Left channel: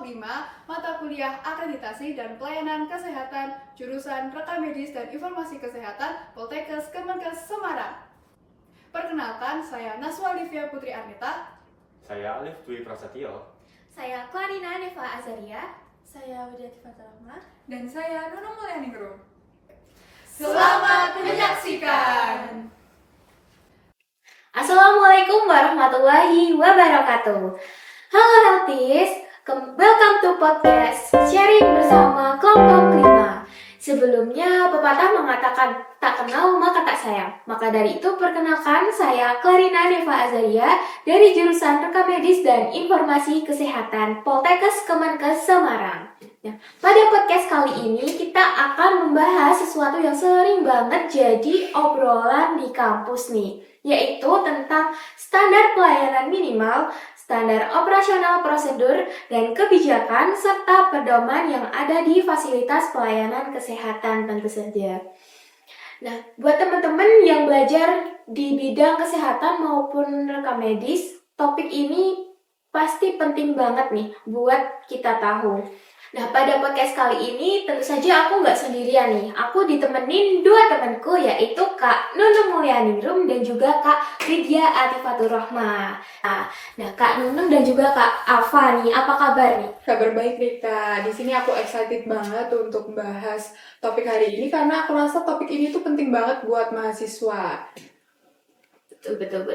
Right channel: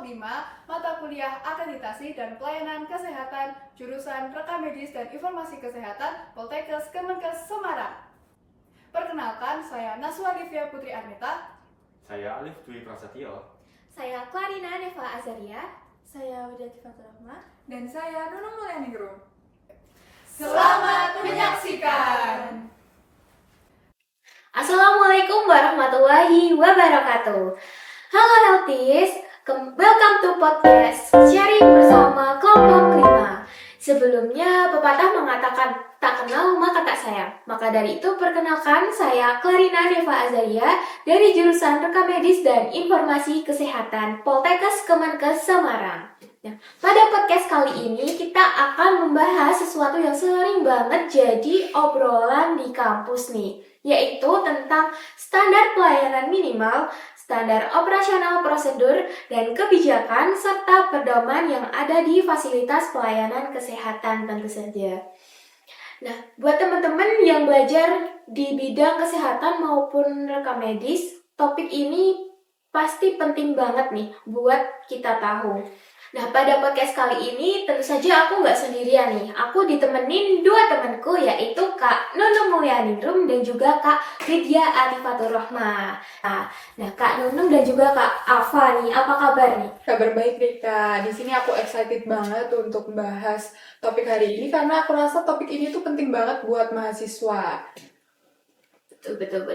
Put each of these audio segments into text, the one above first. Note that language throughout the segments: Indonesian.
kelompok 5, mata kuliah Akreditasi dan Pelayanan Kesehatan, jurusan Rekam Medis dan Informasi Kesehatan, Poltekkes Kemenkes Semarang. Perkenalkan, saya Naswa Livia Putri Arnita. Saya Alif Dwi Prasetyo. Saya Clarina Neva Azaria. Saya Widyati Faturahma. Dan saya Nunung Mulyaningrum. Selamat menyaksikan! Assalamualaikum warahmatullahi wabarakatuh. Halo Healthies, welcome to podcast sharing bersama kelompok 5. Sebelumnya pepatah mengatakan tak kenal maka tak sayang. Maka dari itu perkenalkan, saya Clarina Neva Azaria dari jurusan Rekam Medis dan Informasi Kesehatan Poltekkes Kemenkes Semarang. Nah, pada podcast kali ini kita akan membahas sesuatu yang sering banget jadi obrolan di kampus nih, yaitu tentang standar pelayanan minimal, standar operasional prosedur, dan kebijakan, serta pedoman yang ada di fasilitas pelayanan kesehatan tentu saja. Nah, buat teman-teman yang belajar di bidang kesehatan maupun rekam medis, topik ini pasti penting banget nih buat kita tahu. Nah, pada podcast kali ini tentu saja aku nggak sendirian nih. Aku ditemenin dua temanku, yaitu Kak Nunung Mulyaningrum dan juga Kak Widya Atifaturrahma. Nah, Kak Nunung dan juga Kak Alfa nih, apa kabar nih? Kabar baik nih Kak. Di sini aku excited banget untuk membahas topik hari ini karena aku rasa topik ini tuh penting banget buat mahasiswa. Betul.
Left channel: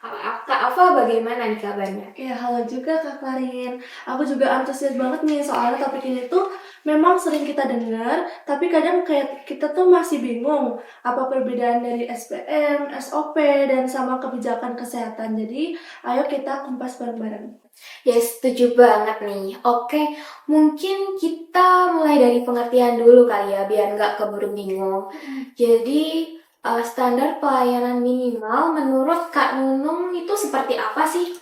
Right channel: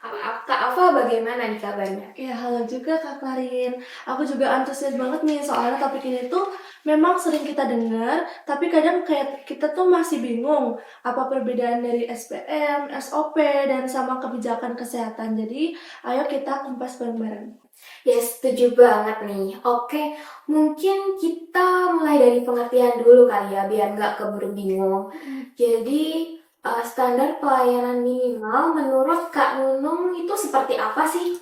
Kak Alfa bagaimana nih kabarnya? Ya, halo juga Kak Klarin. Aku juga antusias banget nih soalnya topik ini tuh memang sering kita dengar, tapi kadang kayak kita tuh masih bingung apa perbedaan dari SPM, SOP, dan sama kebijakan kesehatan. Jadi, ayo kita kumpas bareng-bareng. Ya, setuju banget nih. Oke, mungkin kita mulai dari pengertian dulu kali ya, biar nggak keburu bingung. Jadi, standar pelayanan minimal menurut Kak Nunung itu seperti apa sih?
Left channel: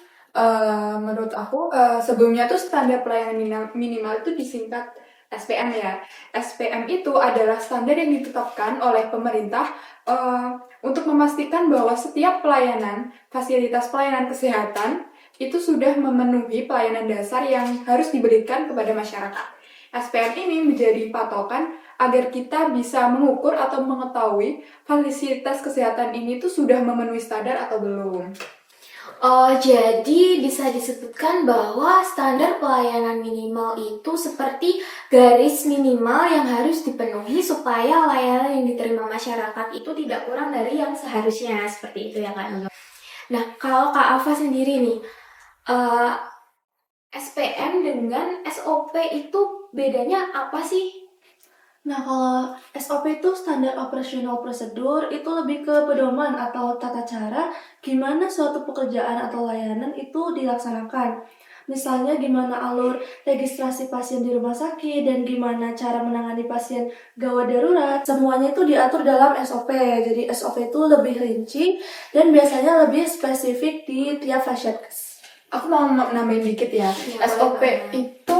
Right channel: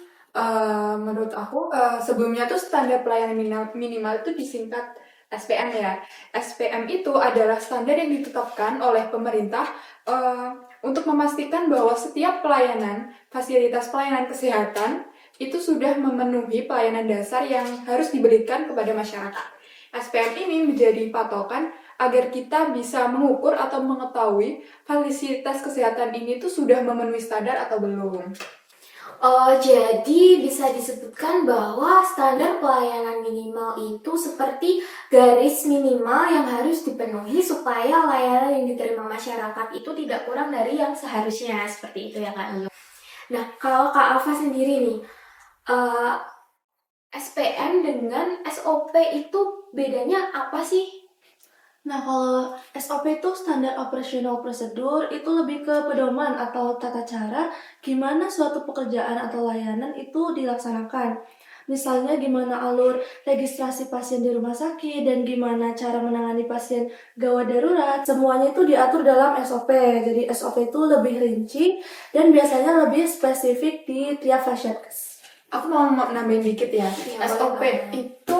Menurut aku sebelumnya tuh standar pelayanan minimal itu disingkat SPM ya. SPM itu adalah standar yang ditetapkan oleh pemerintah untuk memastikan bahwa setiap pelayanan, fasilitas pelayanan kesehatan itu sudah memenuhi pelayanan dasar yang harus diberikan kepada masyarakat. SPM ini menjadi patokan agar kita bisa mengukur atau mengetahui fasilitas kesehatan ini tuh sudah memenuhi standar atau belum. Oh, jadi bisa disebutkan bahwa standar pelayanan minimal itu seperti garis minimal yang harus dipenuhi supaya layanan yang diterima masyarakat itu tidak kurang dari yang seharusnya, seperti itu ya Kak Nunung. Nah, kalau Kak Alfa sendiri nih, SPM dengan SOP itu bedanya apa sih? Nah, kalau SOP itu standar operasional prosedur, itu lebih ke pedoman atau tata cara gimana suatu pekerjaan atau layanan itu dilaksanakan. Misalnya gimana alur registrasi pasien di rumah sakit dan gimana cara menangani pasien gawat darurat. Semuanya itu diatur dalam SOP. Jadi SOP itu lebih rinci dan biasanya lebih spesifik di tiap fasilitas. Aku mau nambahin dikit ya. Ya, SOP boleh. itu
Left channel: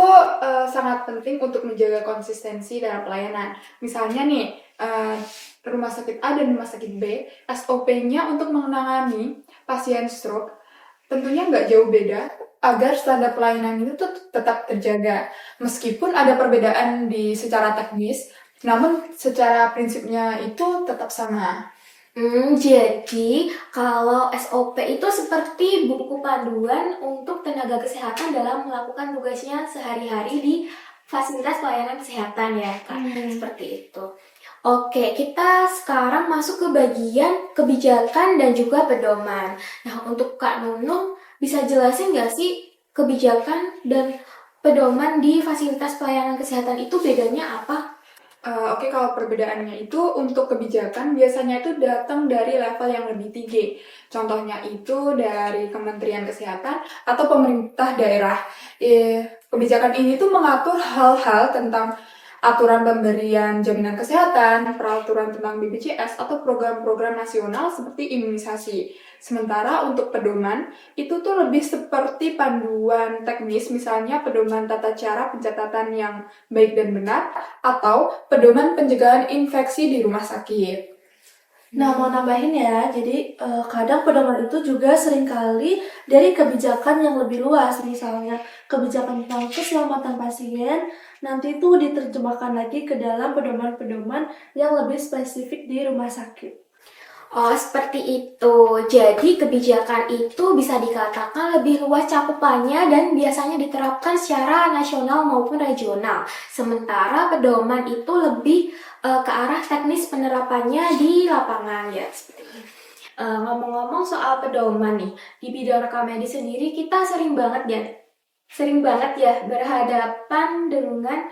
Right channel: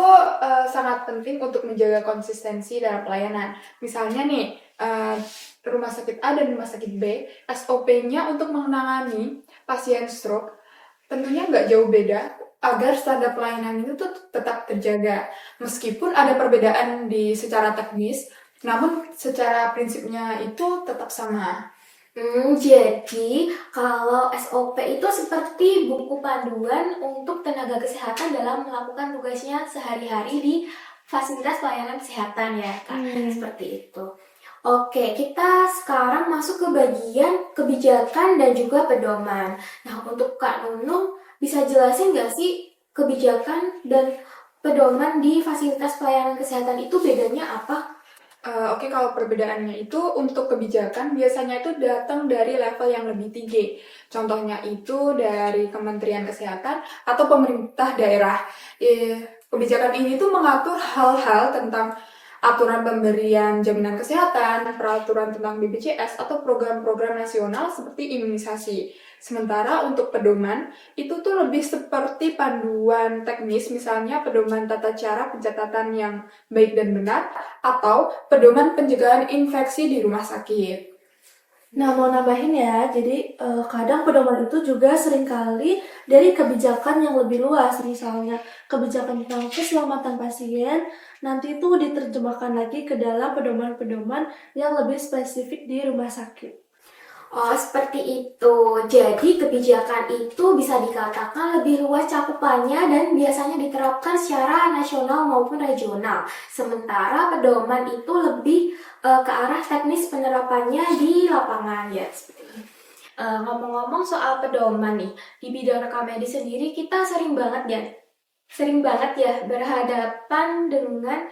sangat penting untuk menjaga konsistensi dalam pelayanan. Misalnya nih, rumah sakit A dan rumah sakit B, SOP-nya untuk menangani pasien stroke tentunya nggak jauh beda agar standar pelayanan itu tuh tetap terjaga. Meskipun ada perbedaan di secara teknis, namun secara prinsipnya itu tetap sama. Jadi kalau SOP itu seperti buku panduan untuk tenaga kesehatan dalam melakukan tugasnya sehari-hari di fasilitas pelayanan kesehatan ya Kak, seperti itu. Oke, kita sekarang masuk ke bagian kebijakan dan juga pedoman. Nah, untuk Kak Nunung bisa jelasin nggak sih kebijakan dan pedoman di fasilitas pelayanan kesehatan itu bedanya apa? Oke, kalau perbedaannya itu untuk kebijakan biasanya itu datang dari level yang lebih tinggi. Contohnya itu dari Kementerian Kesehatan atau pemerintah daerah. Kebijakan ini tuh mengatur hal-hal tentang aturan pemberian jaminan kesehatan, peraturan tentang BPJS, atau program-program nasional seperti imunisasi. Sementara untuk pedoman, itu tuh lebih seperti panduan teknis, misalnya pedoman tata cara pencatatan yang baik dan benar, atau pedoman pencegahan infeksi di rumah sakit. Nah, mau nambahin ya, jadi kadang pedoman itu juga seringkali dari kebijakan yang lebih luas, misalnya kebijakan tentang keselamatan pasien, nanti itu diterjemahkan lagi ke dalam pedoman-pedoman yang lebih spesifik di rumah sakit. Oh, seperti itu. Jadi kebijakan itu bisa dikatakan lebih luas cakupannya dan biasanya diterapkan secara nasional maupun regional. Sementara pedoman itu lebih ke arah teknis penerapannya di lapangan ya. Seperti ini. Ngomong-ngomong soal pedoman nih, di bidang rekam medis sendiri kita sering banget ya berhadapan dengan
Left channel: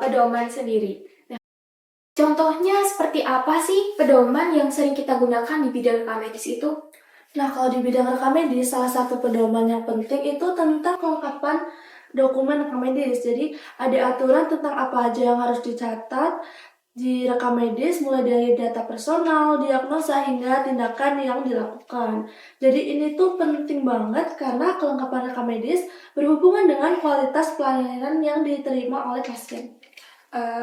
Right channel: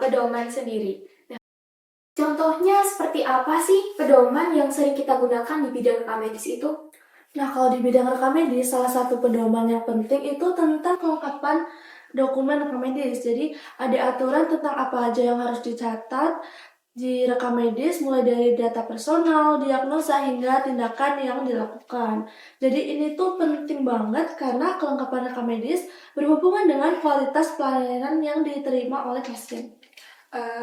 pedoman sendiri. Contohnya seperti apa sih pedoman yang sering kita gunakan di bidang rekam medis itu? Nah, kalau di bidang rekam medis, salah satu pedoman yang penting itu tentang kelengkapan dokumen rekam medis. Jadi, ada aturan tentang apa aja yang harus dicatat di rekam medis, mulai dari data personal, diagnosa, hingga tindakan yang dilakukan. Jadi, ini tuh penting banget karena kelengkapan rekam medis berhubungan dengan kualitas pelayanan yang diterima oleh pasien.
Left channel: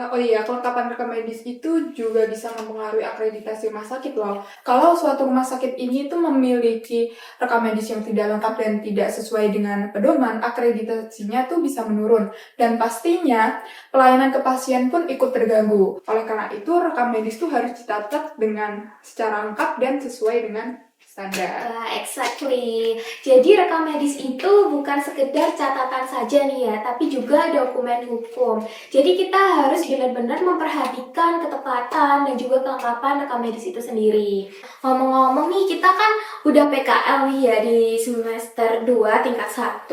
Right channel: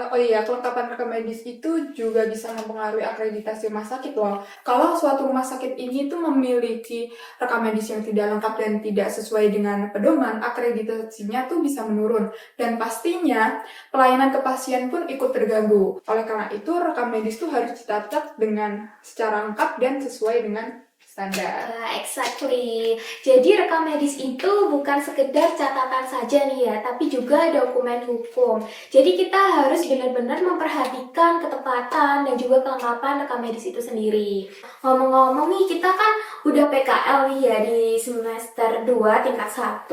Oh iya, kelengkapan rekam medis itu juga bisa mempengaruhi akreditasi rumah sakit loh. Kalau suatu rumah sakit ini tuh memiliki rekam medis yang tidak lengkap dan tidak sesuai dengan pedoman, akreditasinya tuh bisa menurun. Dan pastinya pelayanan ke pasien pun ikut terganggu. Oleh karena itu, rekam medis tuh harus dicatat dengan secara lengkap dan sesuai dengan standar. Exactly. Jadi rekam medis itu bukan sekedar catatan saja nih ya, tapi juga dokumen hukum. Jadi kita harus benar-benar memperhatikan ketepatan dan juga kelengkapan rekam medis itu sendiri. Ngomong-ngomong nih, kita kan udah PKL nih ya di semester 2 tingkat 1.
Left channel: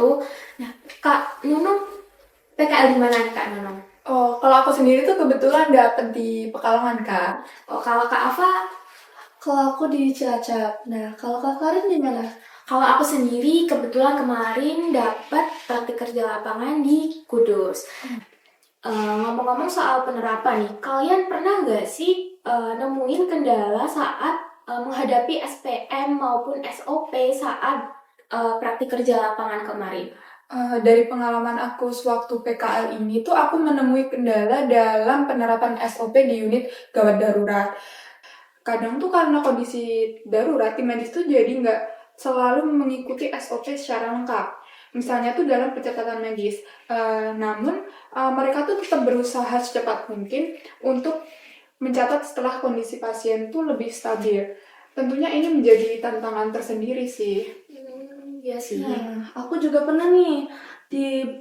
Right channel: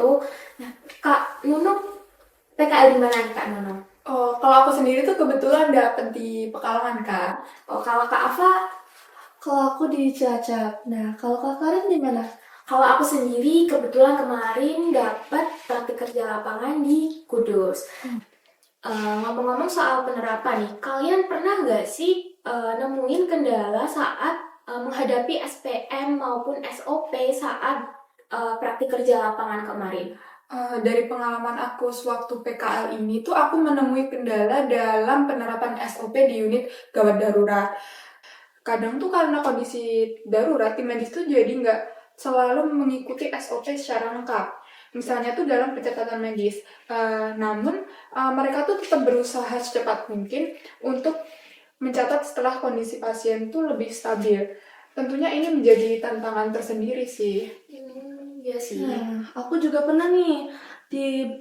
Nah, Kak Nunung, PKL di mana nih Kak Nunung? Oh, kalau aku sendiri tuh kebetulan dapet di Pekalongan, Kak. Oh, kalau Kak Ava, Kalau aku di Cilacap. Nah, kalau Kak Karin di mana? kalau aku sendiri kebetulan kemarin dapat praktik kerja lapangan di Kudus. Ngomong-ngomong soal penerapan nih, kalian pernah nggak sih nemuin kendala saat menghadapi SPM maupun SOP saat praktik kerja lapangan kemarin? Dari pengalaman aku sewaktu PKL ini tuh aku menemui kendala dalam penerapan SOP di unit gawat darurat. Kadang tuh karena kondisi darurat, tim medis tuh jadi nggak selalu mengikuti SOP secara lengkap. Misalnya tuh dalam pencatatan medis. Namun mereka tuh tetap berusaha secepat mungkin untuk mencatat setelah kondisi pasien tuh lebih stabil. Tentunya ini menjadi tantangan tersendiri sih. Iya sih. Nah, aku juga pernah nih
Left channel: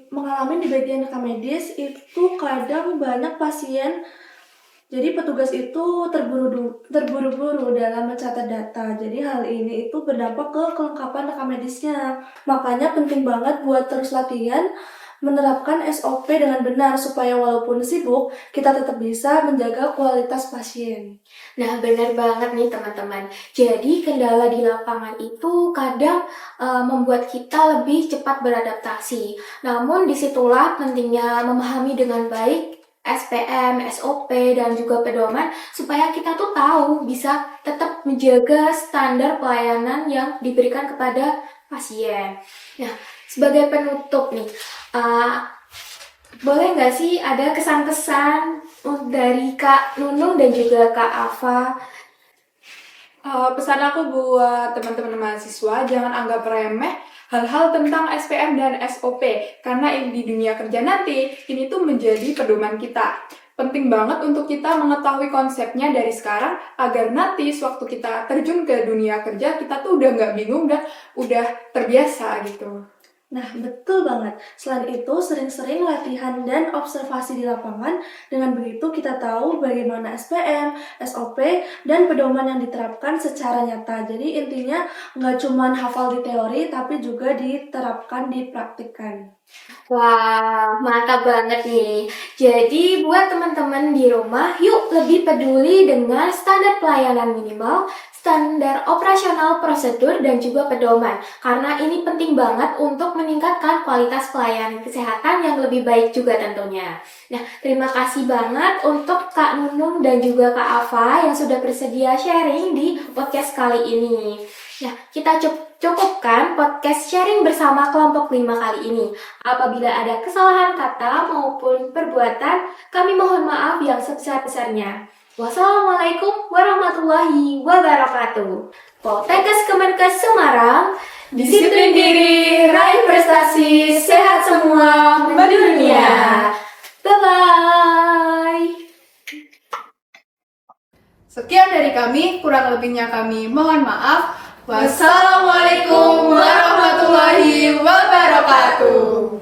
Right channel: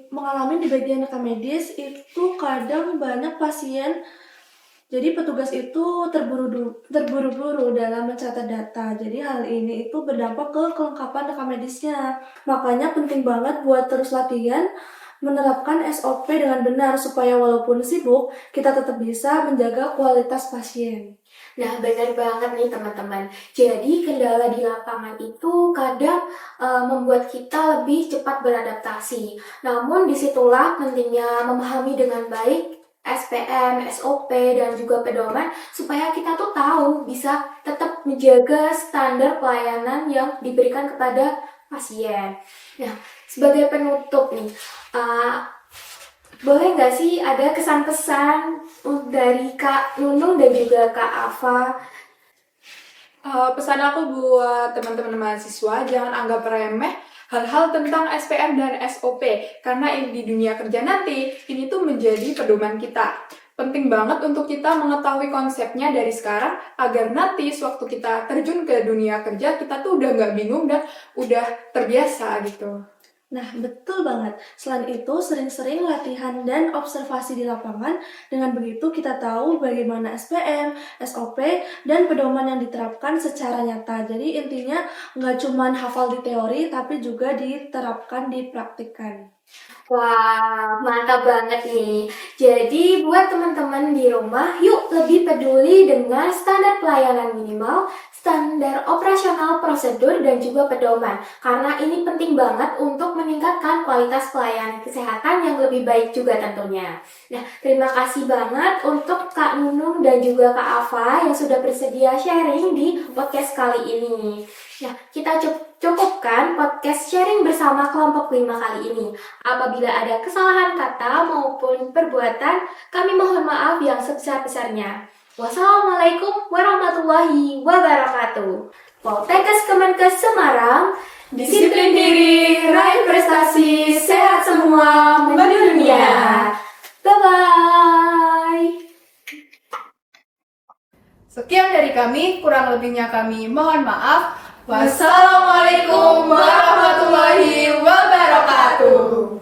mengalami di bagian rekam medis itu kadang banyak pasien. Jadi petugas itu terburu-buru dalam mencatat data. Jadi hal ini itu berdampak ke kelengkapan rekam medisnya. Makanya penting banget buat terus latihan menerapkan SOP dengan benar supaya walaupun sibuk, kita tetap bisa menjaga kualitas pasien. Nah, benar banget nih teman-teman. Jadi kendala di lapangan itu kadang membuat kita lebih cepat beradaptasi. Namun disitulah pentingnya memahami dengan baik SPM, SOP, dan juga pedoman supaya kita tuh tahu bisa tetap menjaga standar pelayanan yang diberikan kepada pasien. Nah, sebagai penutup nih, boleh nggak sih ada kesan-kesan dari Kak Nunung dan juga Kak Ava? Pesan aku buat teman-teman mahasiswa, jangan anggap remeh hal-hal tentang SPM dan SOP, karena di dunia kerja nanti, ini tuh menjadi pedoman kita. Penting banget untuk kita mengetahui konsepnya dari sekarang, agar nanti sewaktu kita terjun ke dunia kerja, kita tuh udah nggak bingung dan udah terbiasa gitu. Nah, betul banget. Selain itu, sering-sering latihan dan observasi di lapangan. Dengan begitu, kita tahu bagaimana SPM, SOP, dan pedoman yang diterapkan secara nyata. Jadi, intinya nggak cuma hafal di teori, tapi juga diterapkan, dipraktikkan. Wah, mantap banget nih. Jadi buat teman-teman di rumah, yuk lebih peduli dengan standar pelayanan minimal, standar operasional prosedur, dan juga pedoman. Karena ini penting banget untuk meningkatkan kualitas pelayanan kesehatan yang lebih baik juga tentunya. Nah, terima kasih banget untuk Kak Nunung dan juga Kak Ava yang sudah bersedia sharing di podcast kali ini. Nah, kita cukupkan podcast sharing bersama kelompok 5 kali ini. Apabila ada kesalahan kata maupun perbuatan, kami mohon maaf yang sebesar-besarnya. Wassalamualaikum warahmatullahi wabarakatuh. Poltekkes Kemenkes Semarang, Disiplin diri, raih prestasi, sehat semua, mendunia. Bye-bye. Sekian dari kami, kurang lebihnya kami mohon maaf. Wassalamualaikum warahmatullahi wabarakatuh.